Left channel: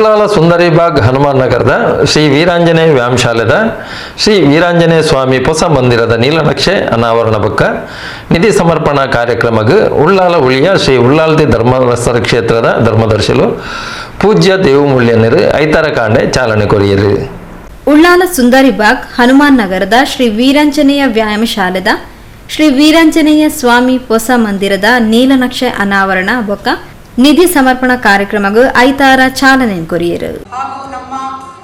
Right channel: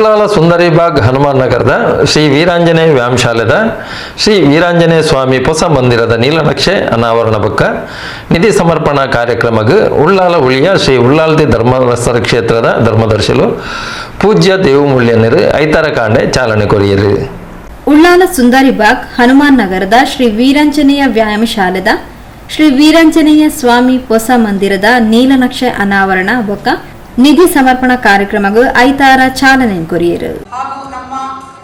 ಉಳ್ಳಾಲ ಸುಂದರಿಬಾಗ್ ಹನುಮಾನ್ ನಗರದ ಶ್ರೀ ವೀರಾಂಜನೇಯ ವ್ಯಾಯಾಮಶಾಲೆದ ಶ್ರೀ ವೀರಾಂಜನೇಯ ಸ್ವಾಮಿ ಹೊಸ ಮಂದಿರದ ನೀಲನಕ್ಷೆ ಅನಾವರಣ ಬಕ್ಕ ನಿಧಿ ಸಮರ್ಪಣಾ ಕಾರ್ಯಕ್ರಮಗ ಉಳ್ಳಾಲ ಉಳಿಯ ಶ್ರೀ ಉಳ್ಳಾಲ್ದಿ ಧರ್ಮಸ್ಥರ ಕ್ಷೇತ್ರದ ಧರ್ಮದರ್ಶಿಲು ಪೂಜ್ಯ ದೇವಮೂಲ್ಯನರು ಐತರ ಕಾಂಡೆ ಚಾಲನೆ ಕೊರಿಯರು. ಉಳ್ಳಾಲ ಸುಂದರಿಬಾಗ್ ಹನುಮಾನ್ ನಗರದ ಶ್ರೀ ವೀರಾಂಜನೇಯ ವ್ಯಾಯಾಮಶಾಲೆದ ಶ್ರೀ ವೀರಾಂಜನೇಯ ಸ್ವಾಮಿ ಹೊಸ ಮಂದಿರದ ನೀಲನಕ್ಷೆ ಅನಾವರಣ ಬೊಕ್ಕ ನಿಧಿ ಸಮರ್ಪಣಾ ಕಾರ್ಯಕ್ರಮಗಳು ಐತಾರ ಚಾಲನೆ ಕೊರಿಯರು. ಹಾಗೂ ನಮ್ಮ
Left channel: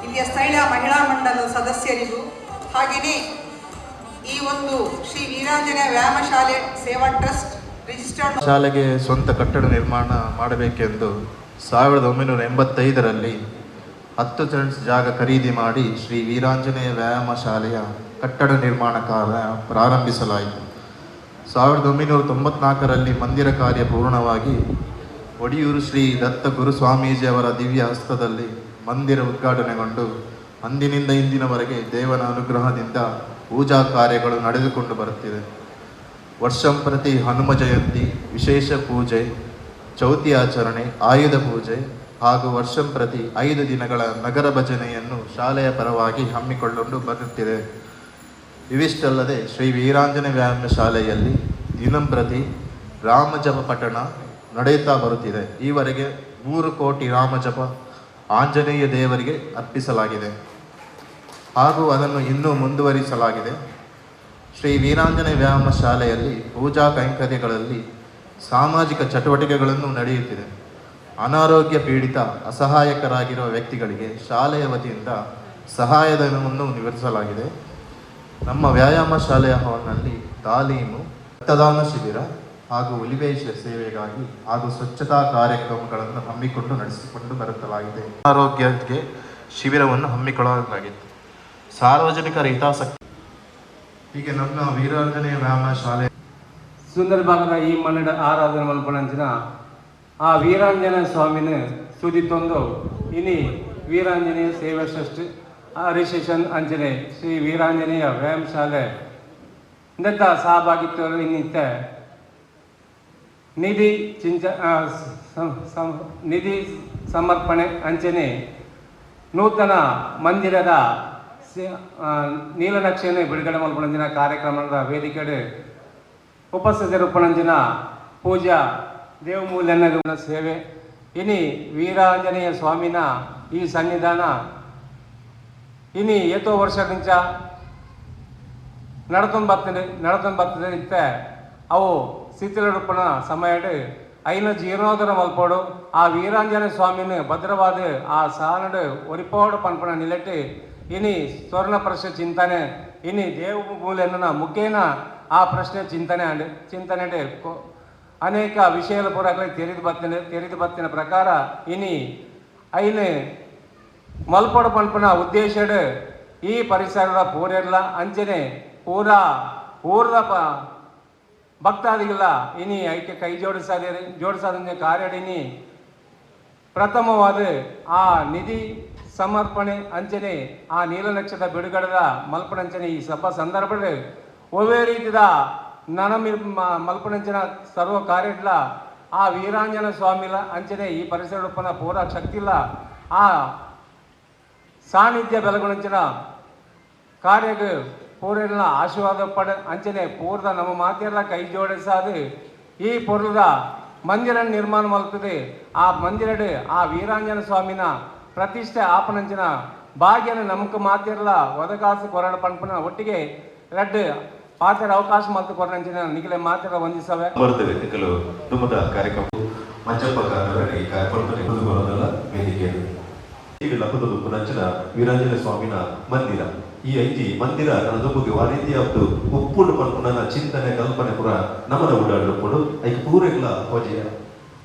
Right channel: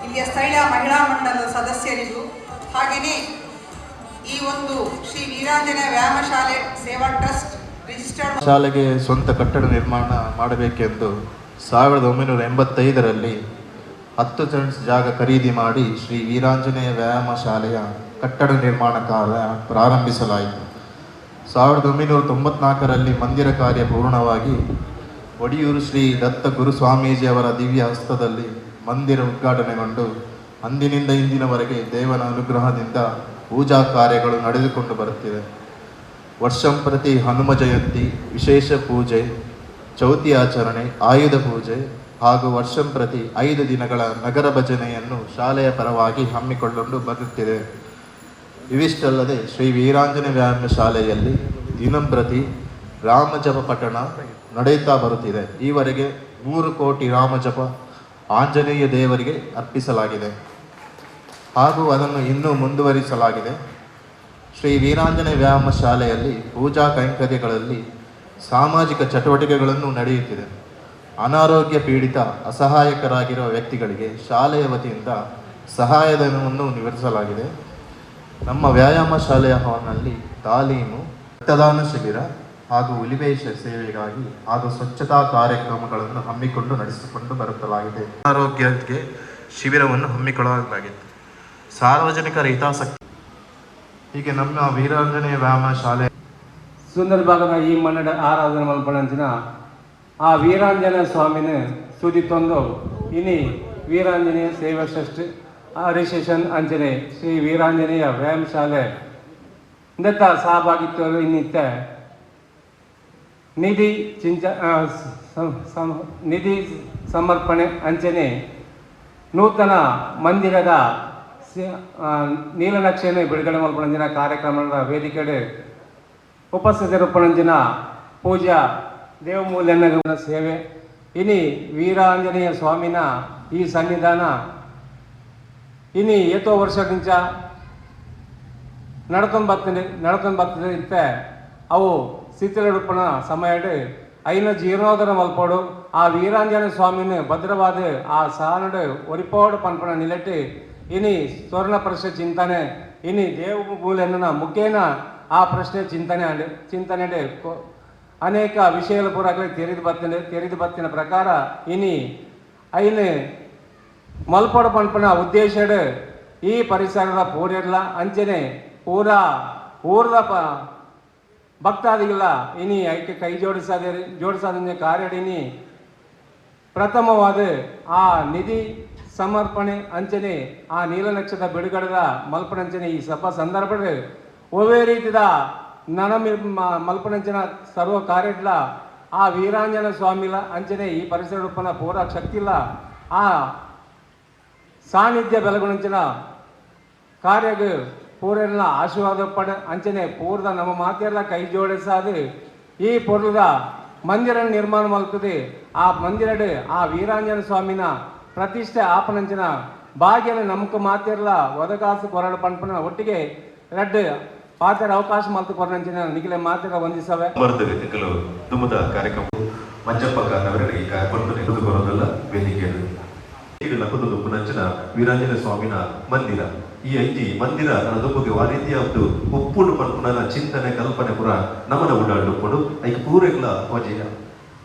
ಇಲ್ಲಿಯ ಸ್ಥಳೀಯ ಮಹಿಳಾ ಮಂಡಲದ ಸದಸ್ಯರಿಗೂ ಹಾಗೆಯೇ ಈ ಒಂದು ಶ್ರೀ ವೀರಾಂಜನ ವ್ಯಾಯಾಮ ಶಾಲೆ ಸೇವಾ ಟ್ರಸ್ಟ್ ರಿಜಿಸ್ಟರ್ಡ್ ಶಾಲೆಗೆ ಸ್ವಂತ ಕಟ್ಟಡ ನಿರ್ಮಾಣ ಮಾಡಬೇಕೆಂದು ಸಾವಿರದ ಒಂಬೈನೂರ ಎಂಬತ್ತೈದರಲ್ಲಿ ಹತ್ತು ಸೆಂಟ್ಸ್ ಜಾಗ ಖರೀದಿ ಮಾಡಿ ಶ್ರೀ ವೀರಾಂಜನೇಯ ವ್ಯಾಯಾಮ ಶಾಲೆಯ ಕಟ್ಟಡ ನಿರ್ಮಾಣ ಕಾರ್ಯ ಪ್ರಾರಂಭಿಸಲಾಯಿತು. ಸಾವಿರದ ಒಂಬೈನೂರ ತೊಂಬತ್ನಾಲ್ಕರಲ್ಲಿ ಮಂದಿರ ಕಾರ್ಯ ಪೂರ್ಣವಾಗಿ ಒಡಿಯೂರು ಶ್ರೀ ದತ್ತ ಗುರು ಸ್ವಾಮೀಜಿಯವರ ದಿವ್ಯ ಹಸ್ತದಲ್ಲಿ ಮಂದಿರ ಉದ್ಘಾಟನೆಗೊಂಡು ಅಂದಿನಿಂದ ಇಂದಿನವರೆಗೆ ದೇವನ ಅನುಗ್ರಹದಿಂದ ಪೂಜಾ ಕಾರ್ಯಗಳು ನಡೆದುಕೊಂಡು ಬರುತ್ತಿದೆ. ವರ್ಷಂಪ್ರತಿ ಹನುಮ ಜಯಂತಿ, ವಿಶೇಷ ಪೂಜೆ, ಚೌತಿ ಆಚರಣೆ, ಆಯುಧ ಪೂಜೆ ಹಾಗೂ ವರ್ಷಂ ಪ್ರತಿ ಐದು ದಿನಗಳ ನಗರ ಭಜನೆಯನ್ನು ಶಾಲೆಯ ಪರವಾಗಿ ಹಮ್ಮಿಕೊಳ್ಳಲು ಬರುತ್ತಿದೆ ಇವಿಷ್ಟಲ್ಲದೆ ಶ್ರೀ ವೀರಾಂಜನೇಯ ವ್ಯಾಯಾಮ ಶಾಲೆಯಲ್ಲಿ ದಿನಂಪ್ರತಿ ರಾಮಜಪ ಪಠಣ ನಡೆಯುತ್ತಾ ಬರುತ್ತಿದೆ. ಈವರೆಗೆ ನೂರು ಕೋಟಿ ರಾಮಜಪ ಆಂಜನೇಯ ದೇವರಿಗೆ ಅರ್ಪಿಸಲಾಗಿದೆ. ಹಾಗೂ ಅದನ್ನು ಇನ್ನೂ ಮುಂದುವರಿಸಲಾಗಿದೆ. ಶ್ರೀ ವೀರಾಂಜನೇಯ ವ್ಯಾಯಾಮ ಶಾಲೆಯಲ್ಲಿ ಪೂಜಾ ಕೈಂಕರ್ಯಗಳಲ್ಲಿ ಸಾಮಾಜಿಕ ಚಟುವಟಿಕೆಗಳನ್ನು ನಡೆಯುತ್ತಿದೆ. ಅನಾರೋಗ್ಯ ಪೀಡಿತ, ಅಸಹಾಯಕರಾಗಿರುವ ವ್ಯಕ್ತಿಗಳಿಗೆ ಶಾಲೆಯ ವತಿಯಿಂದ ಸಹಾಯಧನವನ್ನು ನಿವರಿಸಲಾಗಿದೆ ನಮ್ಮ ವ್ಯಾಯಾಮ ಶಾಲೆಯ ಹಾಲ್ನಲ್ಲಿ ತಾಲೀಮು, ರಕ್ತದಾನ ಶಿಬಿರ ಹಾಗೂ ಉಲಿವೇಶ ಸೇವೆಗಾಗಿ ಹಾಗೂ ಸ್ವಚ್ಛತಾ ಕಾರ್ಯಕ್ರಮಗಳನ್ನು ಹಮ್ಮಿಕೊಂಡು ನಡೆಸಿಕೊಂಡು ಬರುತ್ತಲಾಗಿದೆ. ಆರೋಗ್ಯಕ್ಕೆ ಶಿಬಿರವನ್ನು ಹಮ್ಮಿಕೊಳ್ಳಲಾಗಿತ್ತು. ಸಾರ್ವಜನಿಕರ ಹಿತಾಸಕ್ತಿ ಹೀಗೆ ನಮ್ಮ ವೀರಾಂಜನೇಯ ವ್ಯಾಯಾಮ ಶಾಲೆ ಸುಂದರ ಭಾಗದ ಈ ಮನ್ನಡ ಆರಾಧನೆ ಮಲ್ಪಣಂಚಿನ ಆ ವೀರಾಂಜನೇಯ ಸ್ವಾಮಿನ ಸುದಿತ್ತೊಂದು ಇನಿ ವೀರಾಂಜನೇಯ ಸೇವಾ ಟ್ರಸ್ಟ್ ಹರಿಶೇಷನ್ ಅಂಜನೆ ಶ್ರೀ ವೀರಾಂಜನೇಯ ವ್ಯಾಯಾಮ ಶಾಲೆ ಇಂದತ್ತ ಸಹಭಾಗಿತ್ವಗಳು ಇನ್ನಿತ್ತ. ನಿಧಿ ಚಿಂಚ ನಿಧಿ ಸಮರ್ಪಣೆ ಅಂಚನೆ ನೂತನ ಮಂದಿರದ ನೀಲನಕ್ಷೆಯನ್ನು ಬಿಡುಗಡೆ ಮಲ್ಪಣಂಜಿನ ಕಾರ್ಯಕ್ರಮದ ವೇದಿಕೆಡೆ ಉಪಸ್ಥಿತರಿಪ್ಪಣಂಜಿನ ಪೂಜಾ ದೇವಮೂಲ್ಯನ ಸೇವೆ. ಇನಿ ವೀರಾಂಜನೇಯ ಸ್ವಾಮಿನ ಈ ಸನ್ನಿಧಾನ ಇನಿ ಏತೋ ವರ್ಷಕ್ಕಿಂಚ ನಡ್ಕೊಂಡು ಬರ್ತೀನಿ ನಡ್ಕೊಂಡು ಇತ್ತ ಅವು ಶಿಥಿಲರೂಪಣ ಸಮಯಡ್ ಐನ ಜೀರ್ಣೋದರ ಮಲ್ಪೋಡು, ಆ ವೀರಾಂಜನ ಸ್ವಾಮಿನ ಭದ್ರವಾದ ಆ ಸಾಲಡ್ ಒರಿಪೋಡು పనుకున్న నిలటి ಇನಿ ಸ್ವರ್ಣ ಪ್ರಶ್ನೆ ಚಿಂತನೆ, ಇನಿ ದೇವ ಮೂಲೆಯನ್ನ ಮುಖೇನ ಆ ಪ್ರಶ್ನೆ ಚಿಂತನೆ ಚಿಂತನೆ ಅನೇಕ ವಿಷಯಗಳು ಕೂಡ ತೆರೆದು ಬತ್ತಿನ ತೆರೆದು ಬತ್ತಿನ ಪ್ರಕಾರ ಇನಿ ಐನ ಮಲ್ಪಡ ಪಂಪನ ಉದ್ದೇಶಡ್ ಈ ಪರಿಸರದ ಪೂರೆಲ್ಲ ಅಂಚನೆ ಪೂರಾ ಊರದ ಭಕ್ತಾದಿಗಳ, ಇನಿ ಐಕ್ಯ ಕೈ ಜೋಡಿಸಾದ ಜೋಡಿಸಾದ ಕಾರ್ಯಡಿನಿ ಪ್ರಥಮವಾದ ಆ ನಿಧಿ ಸಮರ್ಪಣೆ ಅಂಚನೆ, ಆ ನೀಲನಕ್ಷದ ಬಿಡುಗಡೆದ ಮಲ್ಪಣಂಚನೆ ಈ ಸಭಾ ಸಂದರ್ಭದಲ್ಲಿ. ಒವೇ ರೀತಿದ ನನ ಮಲ್ಪಣಂಚನ ಸರ್ವ ಕಾರ್ಯಗಳ ಆ ವೀರಾಂಜನ ಸ್ವಾಮಿಲ ಅಂಚನೆ ಈ ಪರಿಸರ ಉತ್ಪನ್ನ ಪೂರ ಶಕ್ತಿಲ್ಲ ಆ ಸಾನ್ನಿಧ್ಯ ಬೆಳಗುಣಂಚಿನ ಕಾರ್ಯಗ ಪೂರೆಲ್ಲ ಆಶೀರ್ವಾದ ಪಡ ಅಂಚನೆ ಪೂರ್ದ ನಮ್ಮ ಮಾತೆಲ್ಲ ಕೈ ಜೋಡಿಸಾದು ಈ ಪೂರ್ವದ ಮಂದಿರ ನಿರ್ಮಾಣ ಮಲ್ಪದೆ ಆ ಮಂದಿರಡ್, ಆ ವೀರಾಂಜನ ಸ್ವಾಮಿನ ಪ್ರತಿಷ್ಠೆ ಆಪನಂಚಿನ ಭಾಗ್ಯನ ನಮಕ್ ಮಾತಿರಲ ಒದಗಾಸು ಕೊರಡ ಪಂಪನ ಒಟ್ಟಿಗೆ ರಡ್ ಪಾತ್ರ ಅವಕಾಶ ಮತ್ತು ಕೊರಡಂಚಿನ ನಿಗಲೆ ಮಾತಿರ ವಂದಿಸವೆ. ಕಾರ್ಯಕ್ರಮ. ಮಂಜಪ್ಪ ಕಾರ್ಯಕ್ರಮ ನಮ್ಮದು ಪುನಂಚನ ವೀರಾಂಜನ ಸ್ವಾಮಿನ ಮಂದಿರ. ಈ ಐತಿ ಮಂದಿರ ಬಗ್ಗೆ ಆ ರೀತಿಯ ಒಂದು ಒಪ್ಪುಡು ಮಲ್ಪುನ ಚಿಂತನೆ ಕಲ್ಪನೆ ಪುರ ನಮನ ಉಡಾಡಲ್ಪಡು ಐಕ ಪೂರೆಗ್ಲ ಆದಿ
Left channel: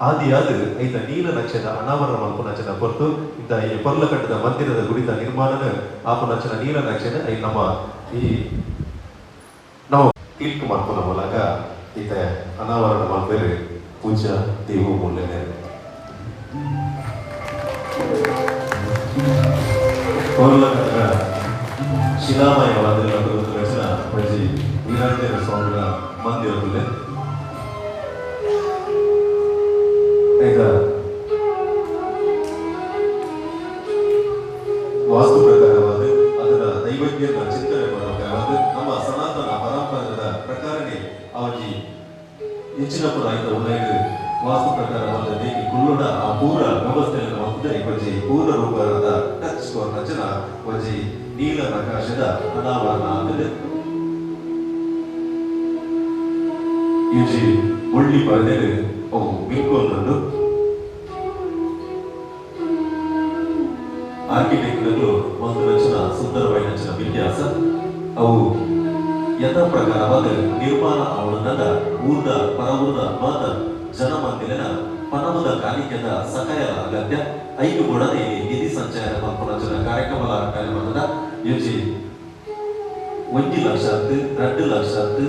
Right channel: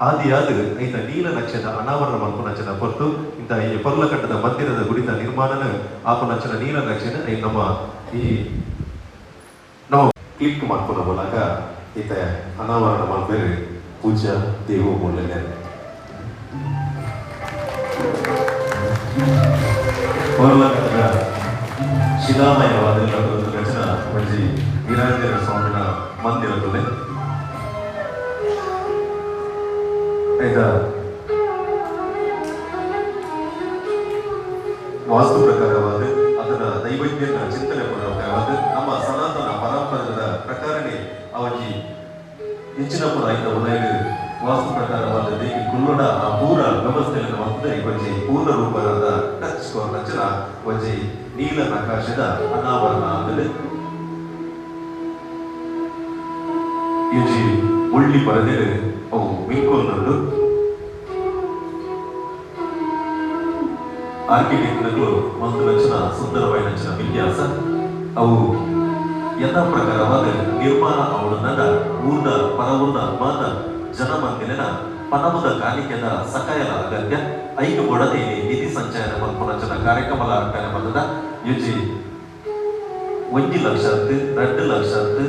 ಆದಿಯಾದ ಐತ ನೀಲ ನಕ್ಷದ ಅನಾವರಣ ಮಲ್ಪುನಚನ ಕೊಟ್ಟು ಇಂತ ಈ ಪರ್ಲಕಟ್ಟದ ಮಂದಿರದ ಗುಡಿತ ನಿರ್ಮಾಣನ ಆಪನಚನ ನೀಲ ನಕ್ಷನ ಐ ನಮ್ಮ ಈ ನಾವು ಕ್ಲಿಕ್ ಮಾಡ್ಕೊಂಡ ಮೂಲಕ ಈತ ಅನಾವರಣ ಮಾಡಿದ್ರೆ ಪೂಜಾ ದೇವ ಮೂಲನೆ. Thank ಶಿಲಾಮಯವಾದ ಕೋಲ್ಕತ್ತದ ಶಿಲಾಮಯವಾದ ರಚನಾಪಡಿಸಿ ವೀರಾಂಜನ ಸ್ವಾಮಿಯ ಮಂದಿರದಲ್ಲಿ ಈಗ ವಾಸ್ತು ಪ್ರಕಾರವಾದ ಅದರ ನೈವೇದ್ಯದ ಚಿಂತನೆ ಪ್ರಕಾರವಾದ ನಮ್ಮ ಸನಾತನ ಪರಂಪರದ ಪ್ರಕಾರನೇ ಅವರಿಗೆ ಹೆಚ್ಚಿನ ಪುರಾಯಿತ ಉದಯ ವಾಸ್ತು ಪ್ರಕಾರವಾದ ದೇವಿ ಕುಲ್ಲುಡ ಆ ಪೂರ ವ್ಯವಸ್ಥೆ ಹೊಂದಿದ ಇವಜಿ ಪೂರ್ಣ ರೂಪದ ಟಚ್ ಸ್ಕೋರ್ ನಚನ ವಜಿ ನೀಲ ಪ್ರಕಾಶದ ಅನಾವರಣ ಅಂದರೆ ಯುಜಿ ಉಳ್ಳಿ ಬರದಿದೆ ಅವು ಮಿಕ್ಕೊಂದು ಆರ್ಕಿಟೆಕ್ಟ್ಗಳು ಒಂದು ರಚನ ಸುಂದರವಾದ ರಚನ ವಿನ್ಯಾಸ ಅವು ಯಥ ಪ್ರಕಾರವಾದ ನಿರ್ಮಾಣ ಅವಳನ್ನ ಊರ್ಣ ಪರವೂರ್ಣ ಮಾತ ಜನಮಂದಿರನ ಪದವದ ಕಾಲಿಕೆದ ಸಹಾಯದ ಅಗತ್ಯ. ಐದು ಒಡನೆ ನಿಧಿ ಸಂಚಯನ ಮತ್ತು ರಚನ ಕಾರ್ಯಕ್ರಮದ ಕಾರ್ಯಕ್ರಮದ ಯುಜಿ ಒಂದು ಲಕ್ಷದ್ದು ರೆಂಡು ಲಕ್ಷದ್ದು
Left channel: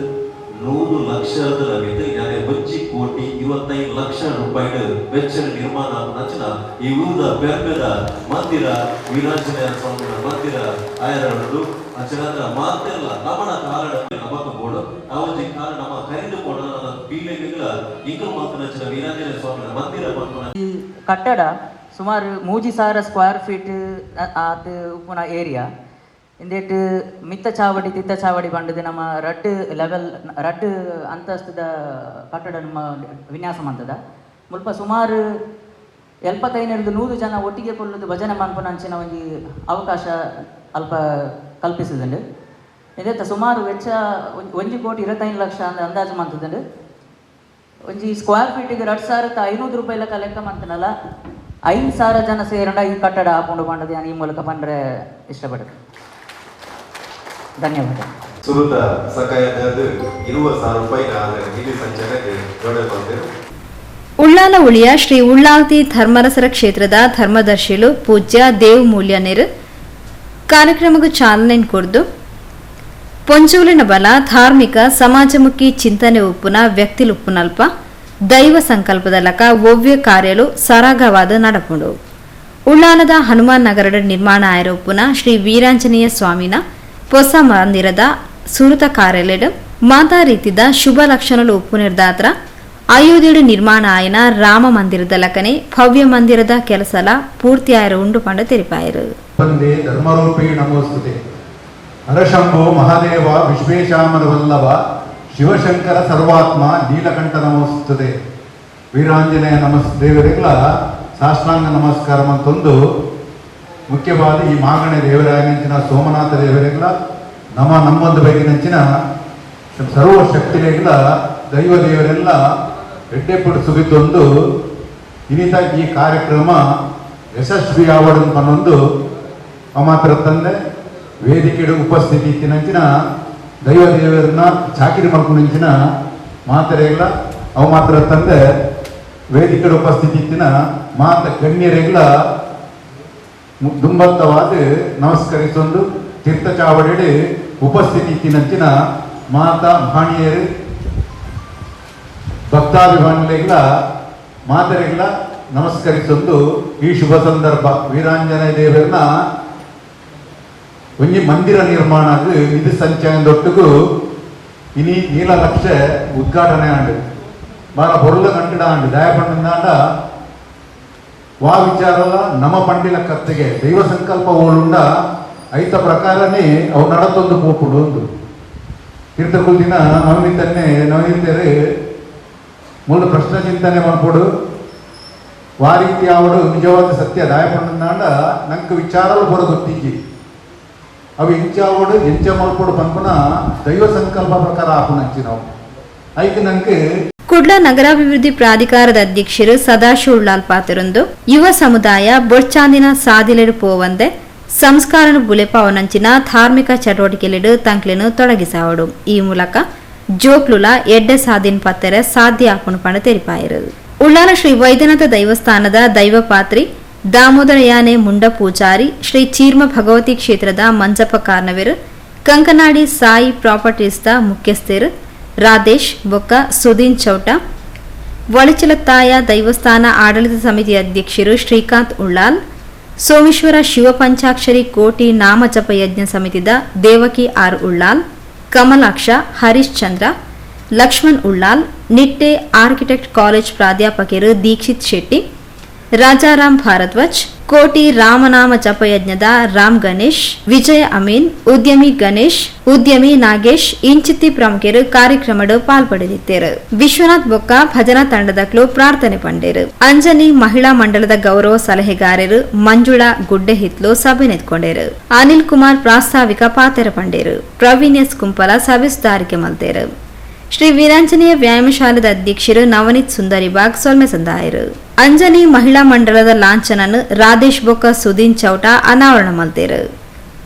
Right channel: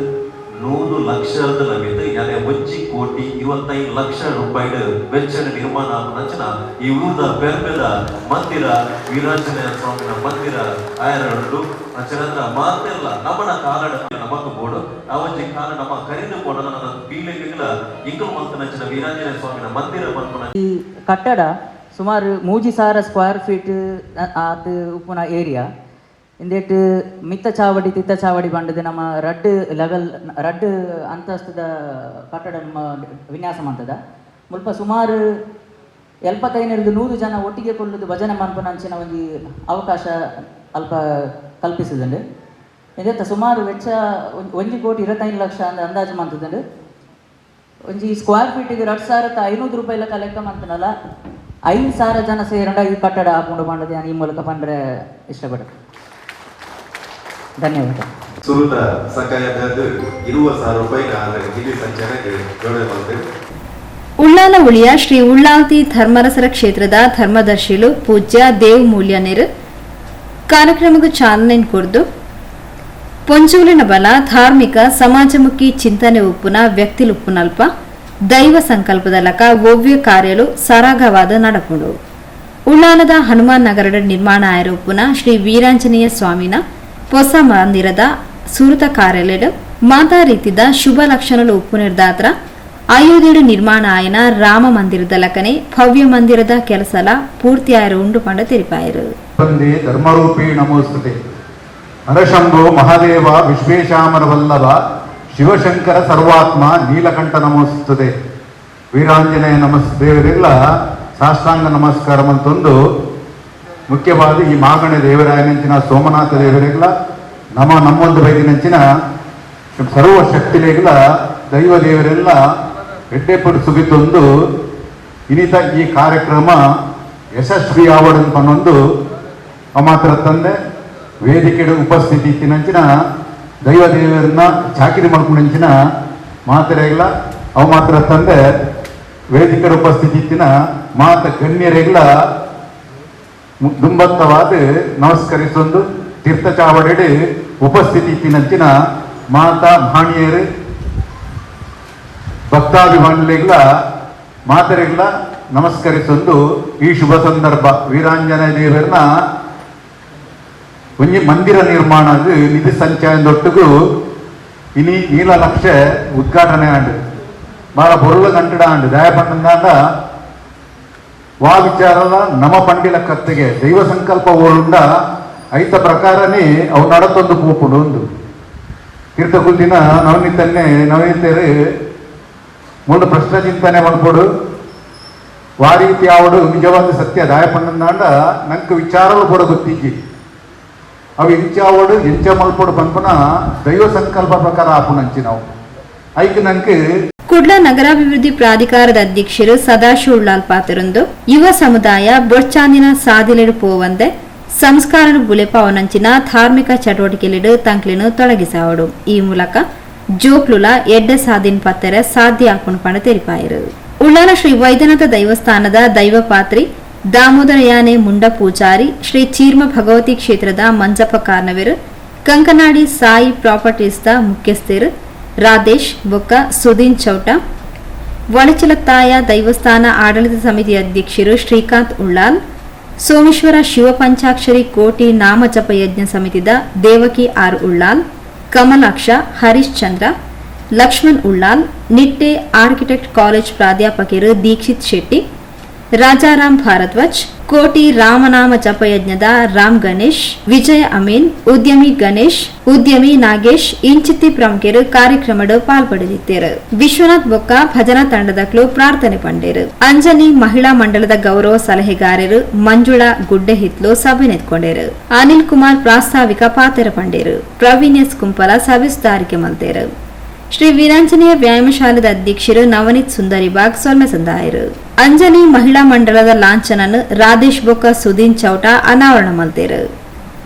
ನೂರು ಲಕ್ಷದ ಲಭ್ಯತೆ ಯಾಕೆ? ಒಂಚಿ ಕೋಟಿ ಇವತ್ತೈದು ಲಕ್ಷ ರೂಪಾಯಿ ವೆಚ್ಚ ನಿರ್ಮಾಣ ರಚನ ಈ ಊದ ಬೆಂಬಲ ಮಂದಿರ, ವೀರಾಂಜನೇಯ ಸ್ವಾಮಿಯ ಮಂದಿರ ಆಯರಡು ಅಚರದ ಮಾತ್ರ ನಮನ ಕಾರಣ ನಮಕ ಕೊಡು. ಅವಜ್ಜಿ ಕಾರಣ ನಮ್ಮ ಕರೆದು ಕೊಡೋಣ ಬೀಳಲಿಲ್ಲ ಈ ಕಟ್ಟಡ ಸುಮಾರು ಮೂಜಿ ಸಾವಿರ ಸ್ಕ್ವೇರ್ ಫೀಟ್ ಅದು ಉಪ್ಪುನ ಏರಿಯಾ. ಇಂದೇಟ್ ಮಿತ್ತ ಚಾವಡಿ, ತಿತ್ತ ಚಾವಡಿ ಬಂಡದು ನಮ್ಮ ರಡ್ ಲೆವೆಲ್ ರಡ್ ಅಂತಸ್ತದ ಕಟ್ಟಡ ನಮ್ಮ ವಿನ್ಯಾಸ ಮಂತದ. ಮುಲ್ಪ ಸುಮಾರು ಎಲ್ಪತ್ತೈನರಿಂದ ನೂರು ಜನ ಒಟ್ಟಿಗೆ ಕೊಳ್ಳುದು ಭಜನೆ ಮನ್ಪನಂಚಿನ ಒಂದು ಅವಕಾಶ ಅಲ್ಪ ಕಲ್ಪಿಸಿದಂಡು ಇದೆತ್ತ ಸುಮಾರು ವೆಚ್ಚ ಒಂಜಿ ಕೋಟಿ ಇರತ್ತೈದು ಲಕ್ಷ ಅಂತ ಅಂದಾಜು ಮಂತದಂಡು. ಒಂಜಿ ಸ್ಕ್ವೇರ್ ಫೀಟಿಗೆ ಎರಡು ಸಾವಿರದ ಐನೂರು ರೂಪಾಯಿಲ ಕಲೆಕ್ಟ್ ಮಂತನಲ್ಲ ಐದು ಸಾವಿರ ಜನ ಸೇರಂಡ ಈ ಕಟ್ಟಡ ಹಾಕೊಂಡು ಮಾಡೋದು ನಾನು ಈ ಮೂಲಕ ಬಂದರೆ ಇಷ್ಟಪಡ್ತೀನಿ ಧನ್ಯವಾದ. ಸುರುತ ಸಕಾಯದ ಇರುವ ಸಾವಿರ ರೂಪಾಯಿ ಬಂದಿದೆ ಉಳ್ಳಾಲ ಉಳಿಯ ಶ್ರೀ ಉಳ್ಳಾಲ್ತಿ ಧರ್ಮರಸರ ಕ್ಷೇತ್ರದ ಧರ್ಮದರ್ಶಿಲು ಪೂಜ್ಯ ದೇವ್ ಮೂಲ್ಯನೇರು ಕಾರ್ಯಕ್ರಮಕ್ಕೆ ಚಾಲನೆ ಕೊಡ್ದು ಪೊಂಚೂಲಿನ ಬಲ, ಧಾರ್ಮಿಕ, ಸಮಾಜಮುಖಿ ಚಿಂತನೆ ಉಪ್ಪುನ ವ್ಯಕ್ತಿಲುಪ್ಪುನಲ್ಪ ದೈವ ಸಂಕಲ್ಪದ ಲಕ ಒವ್ಯ ಕಾರ್ಯಲು ಸರಾಗವಾದ ನಡಪುಂಡು. ಉಳ್ಳಾಲದ ಹನುಮಾನ್ ನಗರದ ನಿರ್ಮಾಣ ಆಯರೊಪ್ಪುನ ಶ್ರೀ ವೀರಾಂಜನೇಯ ಸ್ವಾಮಿನ ಹೊಸ ಮಂದಿರದ ಸುರತ ಕಾರ್ಯಾಲಯ ಮಾತಾ ರೀತಿದ ಶುಭ ಲಕ್ಷಣಲು ಉಪ್ಪು ನಿರ್ದಾತ್ರ, ಅಯೋಧ್ಯೆಡು ನಿರ್ಮಾಣ ಆಯನ ರಾಮ ಮಂದಿರದ ಲಕನೆ ಭವ್ಯ ಮಂದಿರದ ಕೆಲಸಲ ಪೂರ್ತಿ ಆಯರ ಉಂಡು ಪಂಡ ಧರ್ಮರೂಪಿ ನಮೋಸ್ತುತೆ. ಅನಶಂಭೋ ಮಹಾದೇವ ವಿಶ್ವೇಶಾಮನ ವಲ್ಲಭ ಶಿವಶಂಕರ ಸರ್ವಾತ್ಮ ನೀಲಕಂಠ ನಮಸ್ತದೆ ವೀರಾಂಜನೇಯ ನಮಸ್, ದೇವರೆಲ್ಲ ಸಾಷ್ಟಾಂಗ ನಮಸ್ಕಾರ ಅಂತಂದು ಮುಖ್ಯವಾದ ಈ ಮಾಗಣೆ ದೇವರಾಗಿನಂಚಿನ ಸೋಮನಾಥ ದೇವರೆಲ್ಲ ನಮ್ಮ ನಮ್ಮೊಂದು ಬೈದಿನಂಚಿನ ಸರ್ವ ಶಕ್ತಿಲೆಲ್ಲ ದೈವ ದೇವರೆಲ್ಲ ಎಡ್ಡೆಪಡಿಸುಗಿದ್ದೊಂದು ಇನಿತ ಈ ಕಾರ್ಯಕ್ರಮ ಯಶಸ್ವಿ ಪನ್ನೊಂದು ಮಾತ್ರ ತಂದೆ ವೇದಿಕೆಡು ಉಪಸ್ಥಿತಿ ಇತ್ತಿನಂಚಿನ ದೈವ ದೇವರನ್ನ ಚಾಕಿರಿ ಮಾಡ್ಕೊಂಡಂಚಿನ ಮಾತರೆಗಳ ಅವು ಮಾತ್ರ ತಂದೆ ವೇದಿಕೆಡು ಉಪಸ್ಥಿತಿ ಇತ್ತಿನ ಮಾತ ಗಣ್ಯರೆಲ್ಲ ದುಂಬತ್ತವಾದ ನಮಸ್ಕರಿಸೊಂದು ತೀರ್ಥ ಚಾವಡಿ ಉಪಸ್ಥಿತಿ ಇತ್ತಿನಂಚಿನ ಮಾತಾ ಭಾಣಿಯರು ಭಕ್ತಾಭಿಮಾನಿಗಳ ಮಾತರೆಗಳ ನಮಸ್ಕರಿಸೊಂದು ಈ ಶುಭ ಸಂದರ್ಭ. ವೀರಾಂಜನೇಯ ದೇವರನ್ನ ಒಂಜಿ ಮಂದಿರ ನಿರ್ಮಾಣ ನಿಧಿ ಸಂಚಯದೊಟ್ಟಿಗೂ ಇನಿ ನೀಲ ಉದ್ಘಾಟನೆ ಆಂಡು ಬಹಳ ಬೊರ್ಲು ಕಂಟಿಡ ಆಂಡು ದಯಪಂಡ ವಾ ವಿಚಾರದ ನಮ ಪಂಡಿಲ ಕತ್ತೆಗೆ ದೈವ ಸಂಕಲ್ಪ ಓಳುಂಡ ಐತ ಪ್ರಕಾರನೇ ಅವು ನಡತೊಂದು ಪೋಪುಡು ಒಂದು ತೀರ್ಥಕುಲ್ದಿನ ನವಮಿತನ್ನೇ ನವಮಿತರು ಮೂಲ ಪ್ರಶ್ನೆ ಚಿಂತನೆ ಮಾಡ್ಕೊಡು. ವಾರೀತಿ ಆವಡು ನಿಜವಾದ ಸತ್ಯ ದಾಯಪಂಡ ನಂಗೆ ವಿಚಾರವೂ ಕೂಡ ಗೊತ್ತಿಜ್ಜಿ ಮಲ್ಪಡು ಪಂಪನ ದೈವ ಸಂಕಲ್ಪ ಪ್ರಕಾರ ಆಪುನಂಚಿ ನಾವು. ಐಕ್ ನಂಗೆ ಕುಡ್ಲ ನಗರಾಭಿವೃದ್ಧಿ ಪ್ರಾಧಿಕಾರದ ಅಧ್ಯಕ್ಷರು ಸದಾಶಿವ್ ಉಳ್ಳಾಲ್ ಪಾತಿರೊಂದು ಯುವ ಸಮುದಾಯ ಬೊಚ್ಚಾಂದಿನ ಸಾದಿಲೆಡು ಪೋವಂದೆ, ಸಂಸ್ಕಾರನು ಬುಲೆಪ ಅವನಂಚಿನ ಧಾರ್ಮಿಕ ಚಟುವಟಿಕೆಲೆಡು ತಂಕ್ಲೆನು ತೊಡಗಿಸಾವಡು. ಈ ಮೂಲಕ ಜೋಕ್ಲುಲ ಎಡ್ಡ ಸಾದಿನ್ ಪತ್ತೆರೆ ಸಾಧ್ಯ ಹಾಕೊಂಡು ಪಣ ತೆರಿಪಾಯಿರು ಉಳ್ಳಾಲ ಶ್ರೀ ವೈದ್ಯನಾಥ ದೈವಸ್ಥಾನದ ದೈವಪಾತ್ರಿ ದಾಮೋದರ ಯಾನೆ ಮುಂಡ ಪೂಜಾರಿ ಶ್ರೀ ಚೀರ್ಮ ಭಗವತಿ ಕ್ಷೇತ್ರದ ಮಂಜಪ್ಪ ಕಾರ್ನವೆರು, ಕಂಕನಾಡಿ ಸಾಯಿ ಪ್ರಾಪರ್ಟೀಸ್ದ ಮುಖ್ಯಸ್ಥರು ರಾಧೇಶ್, ಬೊಕ್ಕ ಸುದೀನ್ ಚೌಟ ತಾಯ ದೈವಸ್ಥಾನ ಆಡಳಿತ ಸಮಿತಿ ಅಧ್ಯಕ್ಷರು ಶ್ರೀಕಾಂತ್ ಉಳ್ಳಾಲ್, ಸೋಮೇಶ್ವರ ಶಿವಪಂಚಾಕ್ಷರಿ ಕೋಟಿ ನಾಮಜಪ ಯಜ್ಞ ಸಮಿತಿದ Devaki R Ullal, Kamalaksha, Harish Chandra, Lakshman Ullal, Nitte architect college ಪ್ರಾಧ್ಯಾಪಕರು ದೀಕ್ಷಿತ್ ಶೆಟ್ಟಿ ರಾಜಾರಾಮ್ ಭಾರದ್ವಾಜ್, ಕೋಟಿ ರಾಮನಾಮ ಜಪಯಜ್ಞದ ರಾಮ್ ಗಣೇಶ್, ವಿಜಯ ಅಮೀನ್, ಉದ್ಯಮಿ ಗಣೇಶ್, ಉದ್ಯಮಿ ನಾಗೇಶ್, ಇಂಚಿತ್ತಿ ಪ್ರಮುಖರು ಕಾರ್ಯಕ್ರಮದ ಪಾಲ್ಪಡೆದಿದ್ದರು ವಿಶ್ವನಾಥ್ ಬೊಕ್ಕ ಭಜನಾ ತಂಡದಕ್ಲು ಪ್ರಾರ್ಥನೆ ಪಂಡೇರು. ಅಂಜನಿ ಮಹಿಳಾ ಮಂಡಲದ ಗೌರವ ಸಲಹೆಗಾರರು ಮಂಜುಳಾ ಗುಡ್ಡೆ ಹಿತ್ಲು ಸಭೆ ನೆತ್ಕೊಂಡೇರು. ಅನಿಲ್ ಕುಮಾರ್ ಪ್ರಾಸ್ತಾವಿಕ ಪಾತ್ರ ಪಂಡೇರು. ಪ್ರವೀಣ್ ಎಸ್ ಕುಂಪಲ ಸವಿಸ್ತಾರಿಕೆ ಮಲ್ತೇರು. ಶ್ರೀ ವೀರಾಂಜನೇಯ ವ್ಯಾಯಾಮಶಾಲದ ಅಧ್ಯಕ್ಷರು ನವನೀತ್ ಸುಂದರಿಬಾಗ್ ಸೊಲ್ಮೆ ಸಂದಾಯರು. ಅಂಜನಿ ಮಹಿಳಾ ಮಂಡಲದ ಲಾಂಛನನ್ನು ರಾಧೇಶ್ ಬೊಕ್ಕ ಸುದೀನ್ ಚೌಟ ಅನಾವರಣ ಮಲ್ತೇರು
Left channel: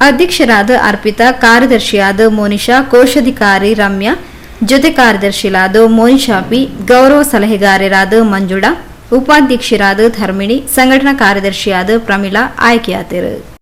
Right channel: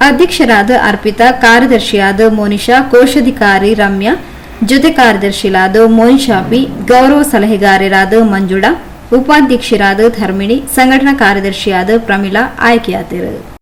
ಅಧ್ಯಕ್ಷರಾದ ಅರ್ಪಿತಾ, ಕಾರ್ಯದರ್ಶಿಯಾದ ಮೋನಿಷಾ ಕೋಶಾಧಿಕಾರಿ ರಮ್ಯಾ, ಜೊತೆ ಕಾರ್ಯದರ್ಶಿಲಾದ ಮೋನಿಶಾ ಪಿ ಗೌರವ ಸಲಹೆಗಾರರಾದ ಮಂಜುಳಾ, ಉಪಾಧ್ಯಕ್ಷರಾದ ಧರ್ಮಿಣಿ, ಸಂಘಟನಾ ಕಾರ್ಯದರ್ಶಿಯಾದ ಪ್ರಮೀಳಾ ಆಯ್ಕೆಯಾದರು.